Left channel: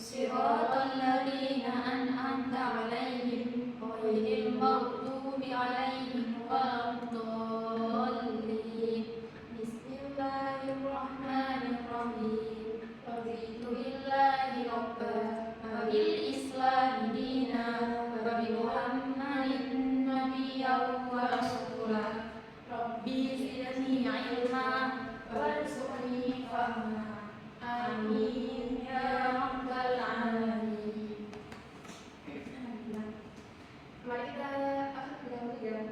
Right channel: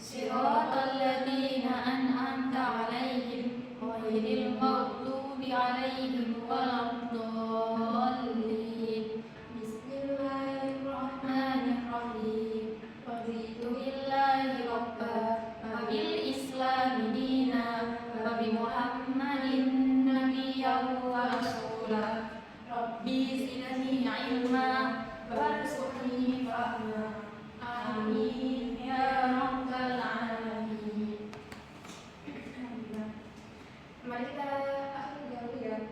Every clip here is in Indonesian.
صراط الذين أنعمت عليهم غير المغضوب عليهم ولا الضالين. بسم الله الرحمن الرحيم. رضيت بالله ربا وبالإسلام دينا وبمحمد نبيا ورسولا. ربي زدني علما وارزقني فهما. آمين يا رب العالمين. Mari kita akhiri dahulu ya.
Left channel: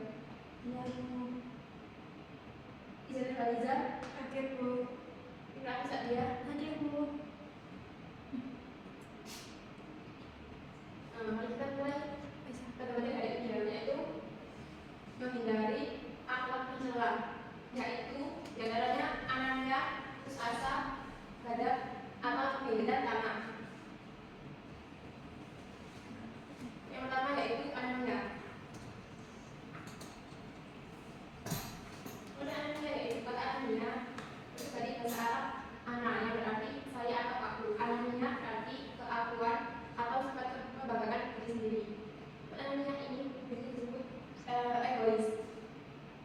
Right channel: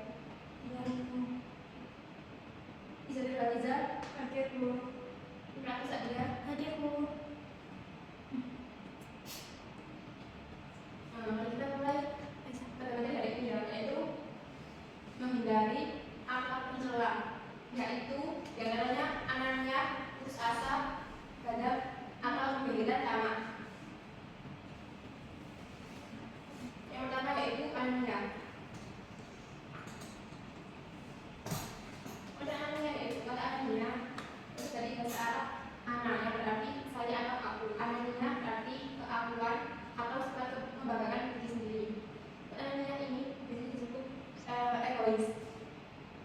Izin Baliza, hadir dulu. Ini aku Sadia, hadir dulu. Mari kita mulai. Bagaimana dari ini yaitu menghindari akhlak pencela, yaitu diantaranya anaknya putus asa terhadap akhlak kebencian tamak. Yang pertama yaitu anaknya. Anaknya yaitu kata anaknya terus dari bahasa Arab anak yang berarti saya atau aku. Anaknya berarti keakuan atau sifat membanggakan diri sendiri. Anaknya ini disebut egois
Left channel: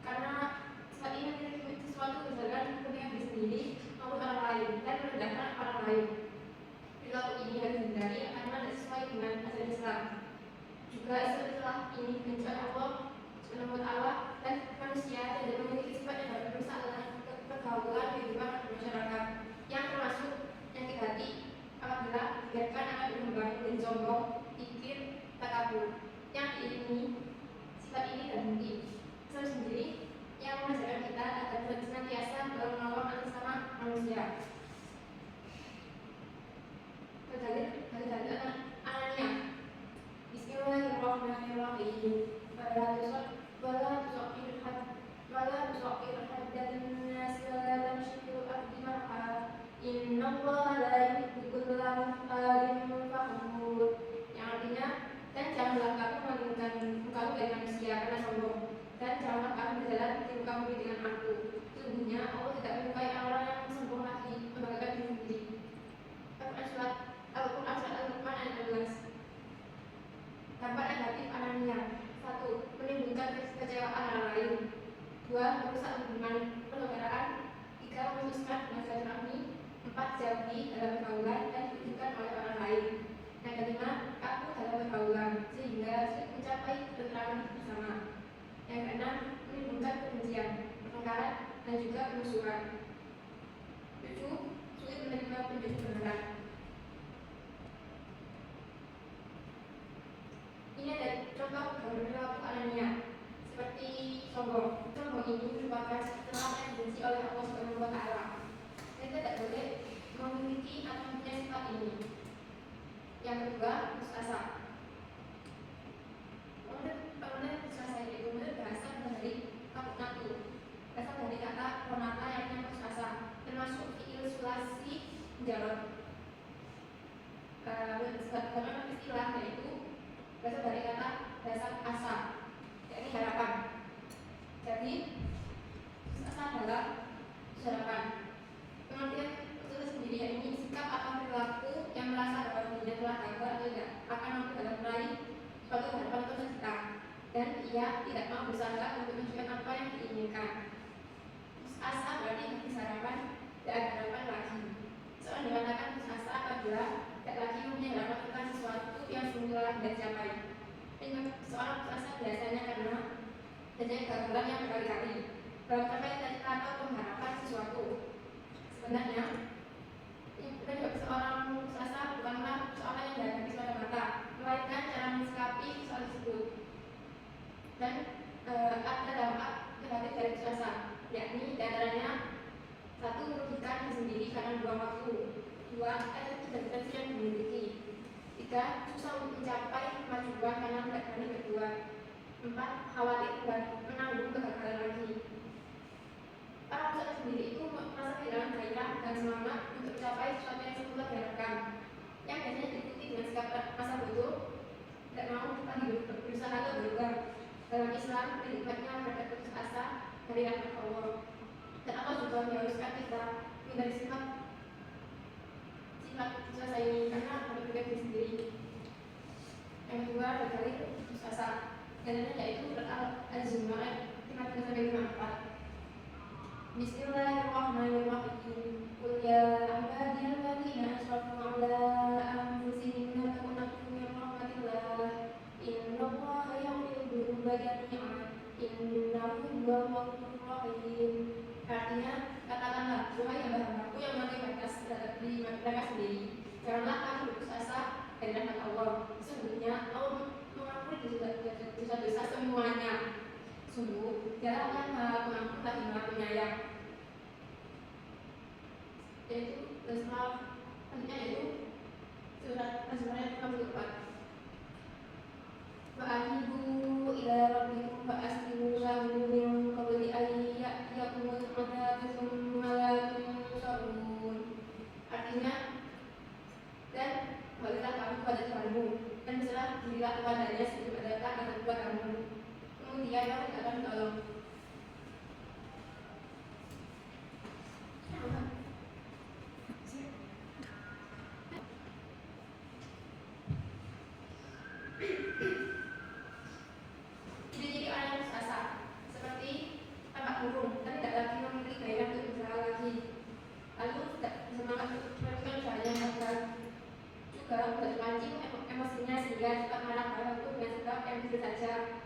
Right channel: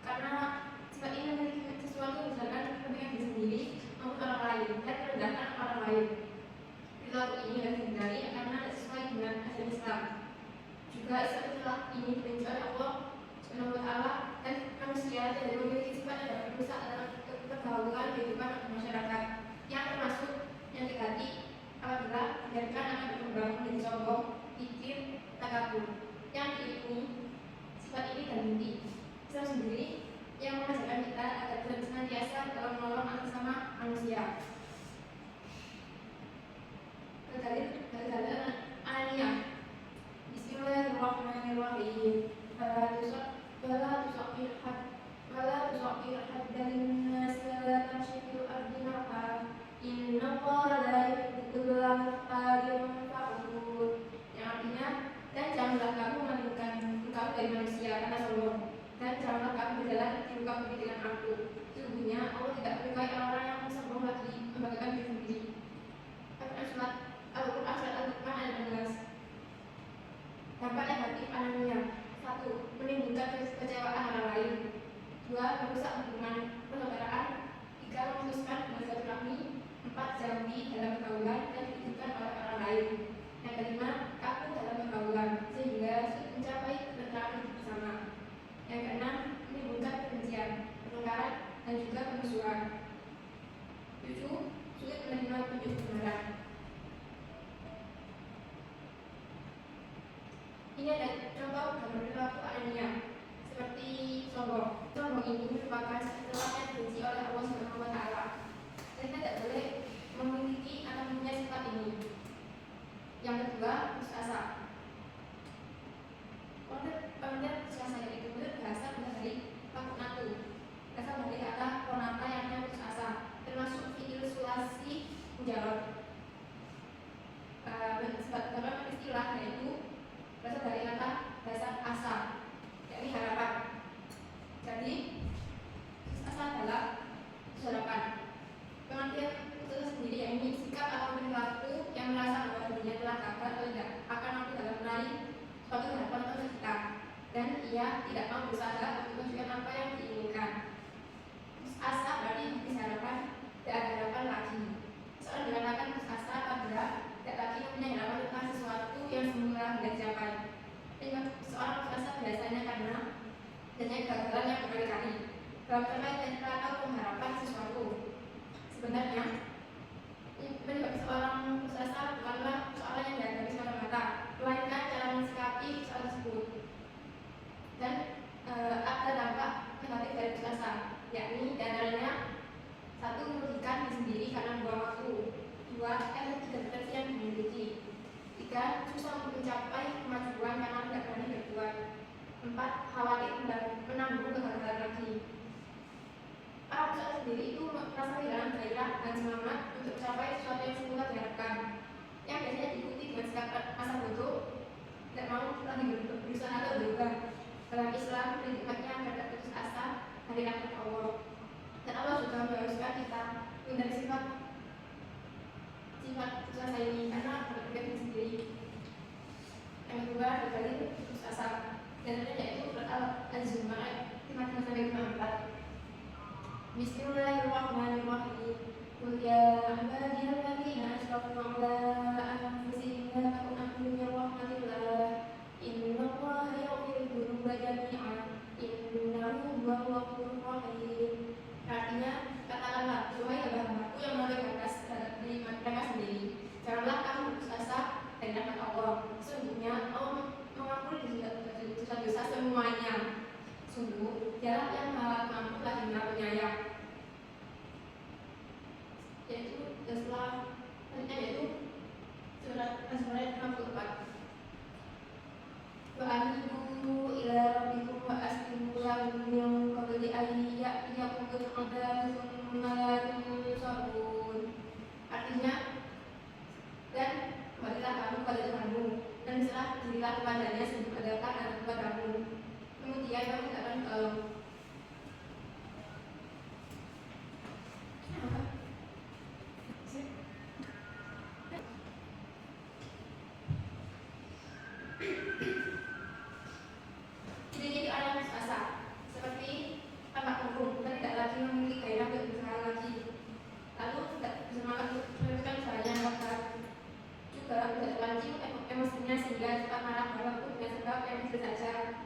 karena sifat ini memiliki sesuatu berdasarkan kepentingan diri sendiri maupun orang lain dan merendahkan orang lain. Perilaku ini harus dihindari karena sesuai dengan ajaran Islam. Juga istilah ini dibenci oleh Allah Subhanahu wa Ta'ala dan manusia tidak memiliki sifat yang dapat merusak dalam pergaulan kehidupan masyarakat, yang termasuk yang hati apabila biarkan akan berkembang menjadi sombong, icip, takabur. Yang ini sifat ini terbukti Islam sendiri yang mengajarkan kita agar senantiasa dalam menolong sesama manusia. Kedalil anania. Bismillahirrahmanirrahim. Wala tusaqir haddan nas la tamshil ardi marha. Innallaha la yuhibbu kulla mukhtalin fakhur. Yang artinya, dan janganlah kamu melindungi engkau dari manusia karena sombong, dan janganlah kamu berjalan di muka bumi dengan aku. Sesungguhnya Allah tidak menyukai orang-orang yang sombong lagi membanggakan diri sendiri. Al-Quran surat Al-Luqman ayat 16. Dampak negatif anania. 1. Menimbulkan kekecewaan orang lain. 2. Merusak hubungan persaudaraan. 3. Memutuskan silaturahmi. 4. Jauhi dalam pergaulan dan dibutuhkan oleh orang lain. Yang kelima, kaku dalam pergaulan sehingga sulit mencapai ketentraman bersama. Yang keenam, menimbulkan kebencian, pertengkaran dan juga permusuhan. 7. Sulit menerima petunjuk kebenaran. Ini ada contoh gambar perilaku anania seperti sombong. Sombong ini merupakan sifat yang dibenci oleh Allah Subhanahu wa Ta'ala. Kita tidak boleh memiliki atau mempunyai sifat ini. Yang kedua, putus asa. Pengertian putus asa ini menurut bahasa dari kakunatu. Berasal dari kata konata yang artinya putus asa, termasuk ilustrasi menjawab. Dalam istilah yaitu berasal dari kata bahasa asa, yakni harapan. Jadi putus asa adalah harapan. Pengertian putus sendiri yakni sikap atau perilaku yang merasa bahwa dirinya telah gagal atau tidak akan mampu dalam meraih suatu harapan atau cita, dan ia tidak mau berusaha untuk menunjukkan apa yang diinginkan. Putus asa berarti habis harapan, tidak ada harapan lagi. Seorang dikatakan putus asa apabila tidak lagi mempunyai harapan tentang sesuatu yang semula tidak dicapai. Seorang putus asa biasanya karena adanya kegagalan yang berkali-kali dalam mencapai cita atau pengharapan sesuatu. Sebenarnya, penyebab seorang putus asa bukanlah persoalan yang dihadapi semata-mata, melainkan cara mensikapi soal tersebut. Dan ada dampak negatif dari putus asa, yakni diantaranya 1. Merugikan diri sendiri karena buang waktu. 2. Efek dan potensi yang dimiliki. 3. Susah mencapai kemajuan karena tidak berani berjuang. 4. Khawatir dan menanggung kegagalan lagi. Para peserta sendiri itu merasa kehilangan gairah dan semangat untuk mencapai sesuatu yang semula diharapkan, yang biasanya diikuti dengan sikap rasa bodoh, tidak mau lagi berusaha atau berubah. Dalam Islam, nikmatnya terhadap putus asa dari rahmat Allah, dan Allah juga mengharuskan kita menghindari sifat putus asa ini karena berbeda dan yaitu Al-Zumar 53-54. Bismillahirrahmanirrahim. Qul ya ibadiyalladzina asrafu ala anfusihim la taqnatu min rahmatillah. Innallaha yaghfiru dzunuba jami'an. Innahu huwal ghafurur rahim. Artinya, kata-kata wahai hamba-hambaku yang memakai batas terhadap diri mereka sendiri, janganlah kamu putus asa dari rahmat Allah. Sesungguhnya Allah mengampuni dosa-dosa semuanya. Sungguh, dialah yang mampu lagi Maha Penyayang. Yaitu setelah selanjutnya yaitu surat Az-Zumar 54. Wa anibu ila rabbikum wa aslimu lahu min qabli an ya'tiyakumul 'adzabu tsumma la tunsarun. Artinya, dan kembalilah kamu kepada Tuhanmu dan berserah dirilah kepadanya sebelum adakan azab kepadamu. Kemudian kamu tidak akan ditolong. Jadi orang yang putus asa, seperti tampak burung, tapi tidak lagi memiliki gairah untuk berusaha lagi. Lalu tidak semangat untuk meneruskan usahanya, maka juga terpancing emosinya sehingga cepat marah walaupun dengan sikap yang kecil saja.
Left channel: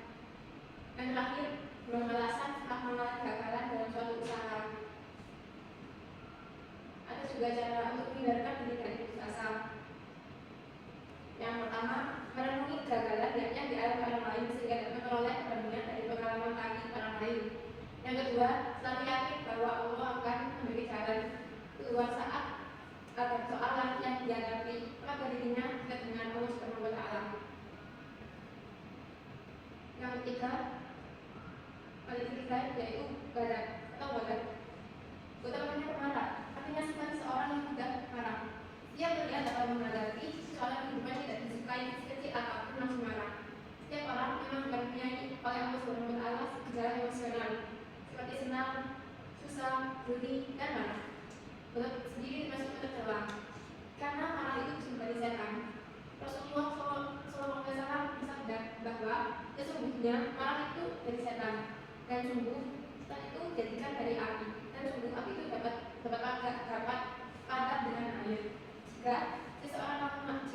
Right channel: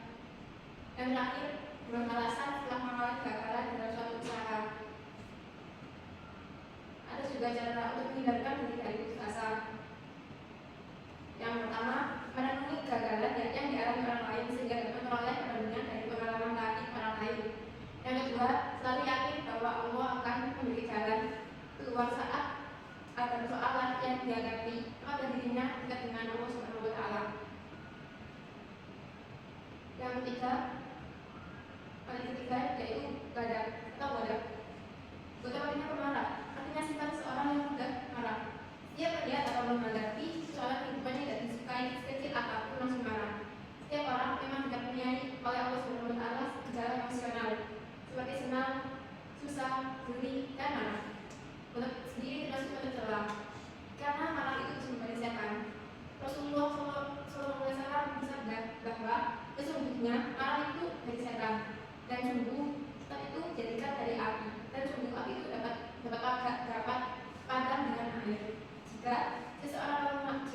Dan terakhir, beralasan setelah mengalami kegagalan dalam suatu usaha. Ada juga cara untuk menghindarkan diri dari putus asa. Yang pertama, merenungi kegagalan yang dialami orang lain sehingga dapat memperoleh perbandingan dari pengalaman tadi orang lain. Yang kedua, selalu yakin bahwa Allah akan memberi jalan keluar saat ada persoalan yang dihadapi, maka dirinya dekat dengan Allah Subhanahu wa Ta'ala. Yang ketiga yaitu ghadab atau ghadab. Ghadab artinya pemarah, artinya sifat seseorang yang mudah marah. Dia melihat atau menghadapi soalan kehidupannya tidak disukai, sekecil apapun langsung marah. Setiap orang memang dikaruniai oleh Allah Subhanahu wa Ta'ala gejala emosional seperti senang, susah, gurih, dan marah. Ghadab sendiri termasuk tercela karena marah itu sumber dari setan. Rasulullah SAW bersabda bahwa sesungguhnya marah itu dari setan, dan sungguh setan itu dijadikan dari api, dan sungguh api itu dapat padam dengan air. Jika seseorang kamu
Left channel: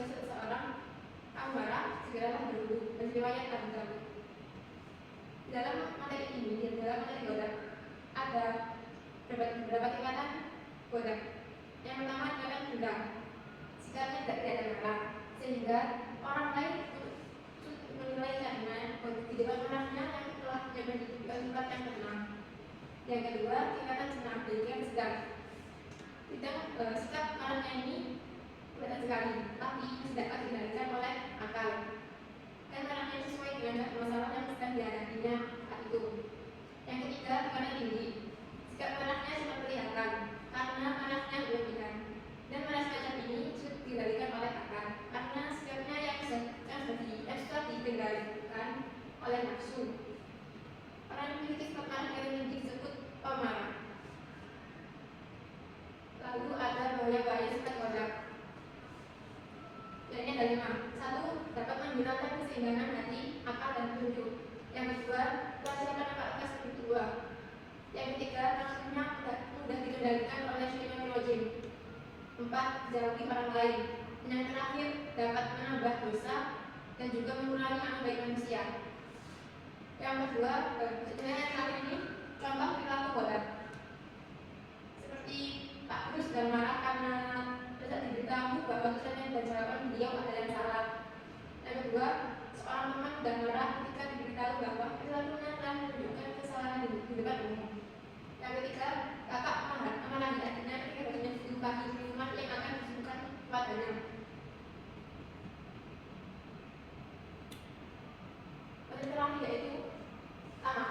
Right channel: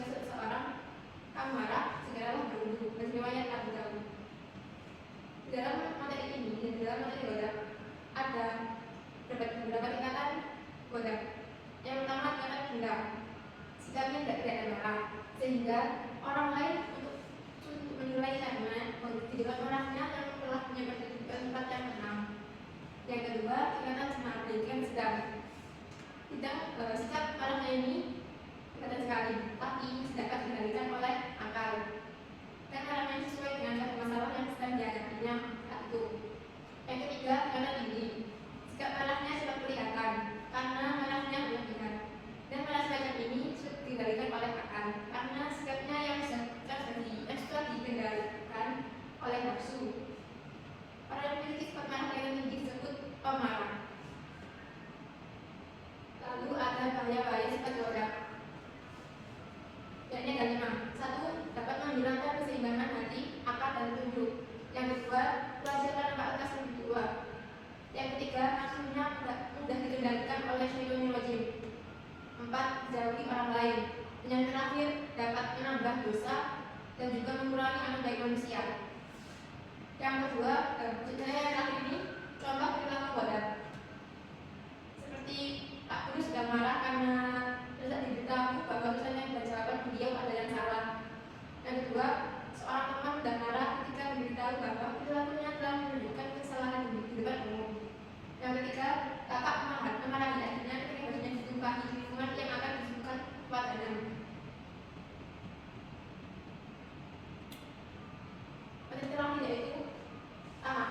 marah, segeralah berwudu. Riwayat Abu Dawud. Dalam materi ini, dalam materi ghadab ada beberapa tingkatan ghadab. Yang pertama tingkatan dendam, sikapnya tidak ada marah, sehingga orang lain untuk menilainya di depan orangnya yang telah menyebabkan tempat yang tenang. Yang kedua tingkatan cenati yang sedang. Sikap orangnya ini berat sekali, tapi tidak dapat dikendalikan oleh akal. Dan orangnya sesuai dengan masalah yang sedang dihadapinya saat itu. Yang ketiga tingkatan tinggi. Sikap marahnya sudah kelihatan karena marahnya berlebihan. Dan marah semacam ini sudah dikendalikan oleh akal karena sikapnya yang sudah dikendalikan oleh nafsu. Orang yang memiliki sifat marah yang tinggi disebut pemarah. Lalu ada bahaya-bahaya sifat ghadab. Yang ada 5. 1. Dapat menghilangkan keseimbangan hati, akal, dan petunjuk. Yang kedua, menghasilkan akal yang kedua. Yang ketiga, nafsunya mudah dikendalikan oleh syaitanir rajim. 4. Jauhi orang lain. Dan yang terakhir, dapat menambah dosa dan juga mengurangi amal baik manusia. Yang kedua, yang terakhir ini contoh perilaku ghadab. Seperti Pak Guru sedang marah karena tidak diberitahu bahwa tulisannya dan jawaban beliau ada yang salah. Yang kedua, seorang teman sedang marah ketika diberitahu bahwa perilakunya telah menunjukkan kesalahan di depan umum. Yang ketiga, kakak memarahi adiknya ketika banyak ditumpahi minuman yang akan disuguhkan padanya. Yang terakhir yaitu tamak.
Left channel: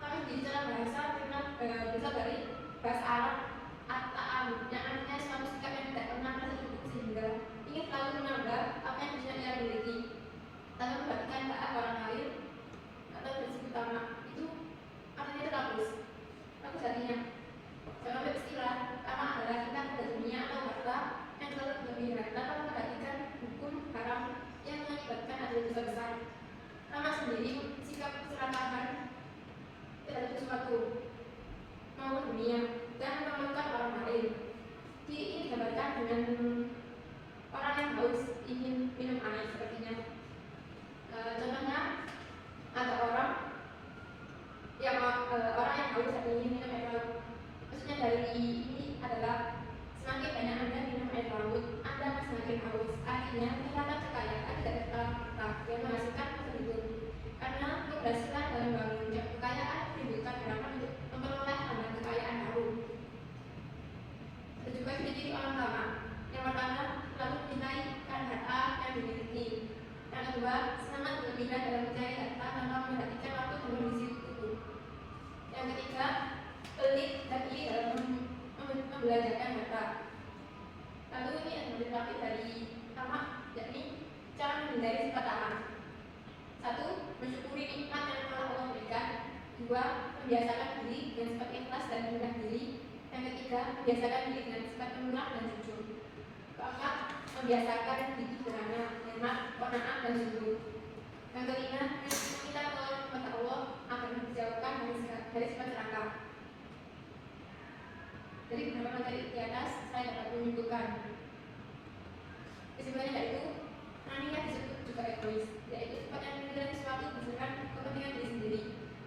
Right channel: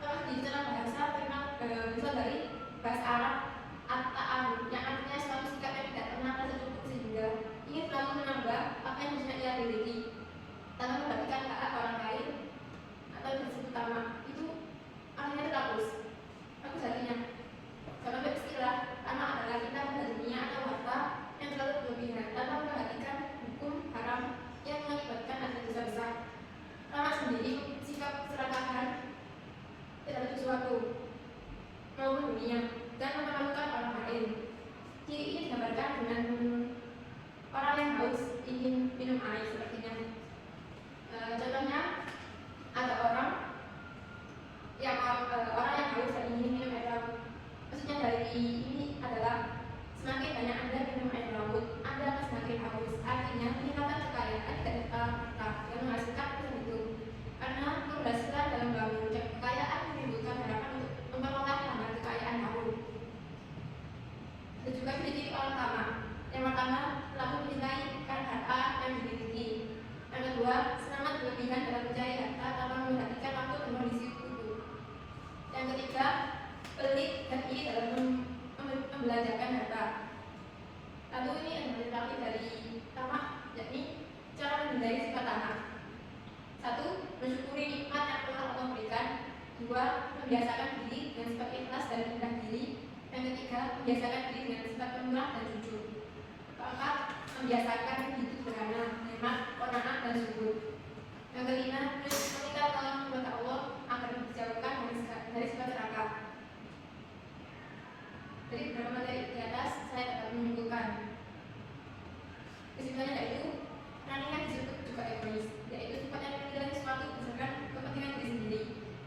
Tamak di dalam bahasa memang berasal dari bahasa Arab at-ta'am, yang artinya suatu sikap yang tidak pernah merasa cukup sehingga ingin selalu menambah apa yang bisa ia miliki tanpa memperhatikan keadaan orang lain atau disebut tamak. Itu artinya itu rakus artinya. Kalau istilah tamak adalah kita pada dunia atau harta yang selalu berlebihan tanpa memperhatikan hukum haram yang mengakibatkan adanya dosa besar. dari sifat taat. 1. Mensyukuri nikmat yang telah Allah berikan. 2. Membiasakan diri dengan sifat ikhlas dan rendah diri. Yang ketiga, membiasakan diri dengan sifat pemurah dan jujur. Keempat, membiasakan hidup sederhana, nikmat, qanaat dan syukur. Yang kelima, meminta tolong kepada Allah agar dijauhkan dari sifat serakah. Jadi beberapa materi di atas saya dapat menyimpulkan. Kesimpulannya yaitu running disebut juga egois, yaitu sifat yang menilai sesuatu berdasarkan kepentingan diri sendiri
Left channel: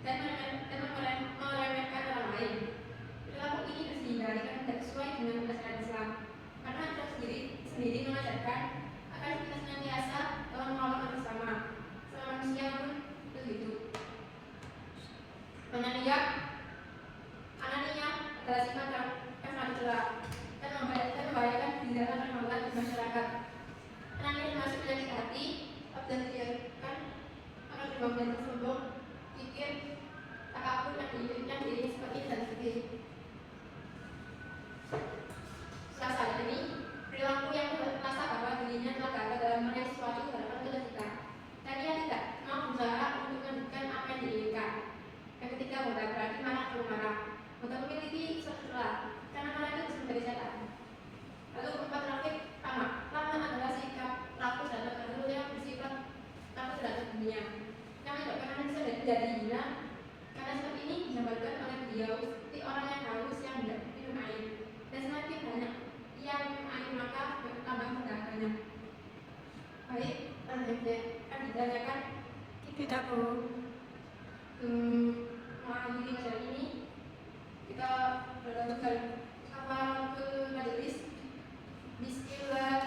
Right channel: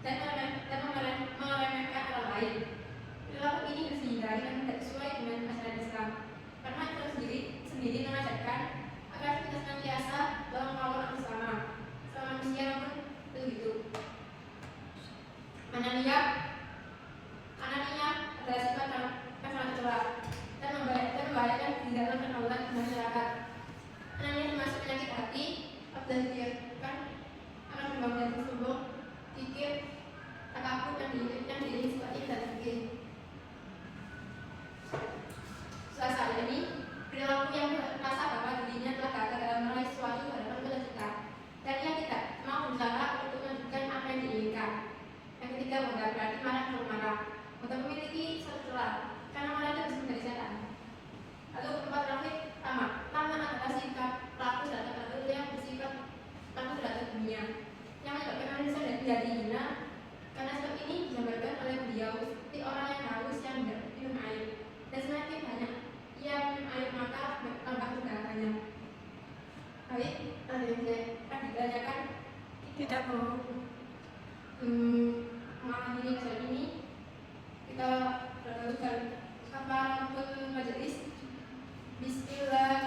dan meremehkan orang lain. Perilaku ini harus dihindari karena tidak sesuai dengan ajaran Islam. Karena Islam sendiri mengajarkan agar kita senantiasa tolong menolong bersama manusia pun begitu. Anania adalah sifat yang sangat celak dan membahayakan di dalam pergaulan masyarakat. Anania termasuk penyakit hati, dan diartikan akan berbangun dan sombong, pikir, takabur yang diiringi sifat dan fikir. Setelah ini, perilaku yang merasa bahwa dirinya telah gagal dalam meraih sesuatu hadapan cita-cita dan ia tidak mau berusaha untuk melanjutkan apa yang diinginkan. Yang ketiga, berarti marah atau marah. Untuk memiliki suatu celah, karena marah itu bisa menjadi setan. Lalu empat terakhir, lama adalah sikap pelaku terhadap hal yang bersifat pelaku terhadap dunia yang menyebabkan manusia jadi hina. Karena sebab ini disampaikan oleh beliau seperti orang yang haus yang tidak minum air, dan semakin banyak ia minum air maka tambah segalanya. Baik, yang akan ditanyakan tidak mau mengalami acara ini. Kita lakukan kafaaratul majelis. Bismillah.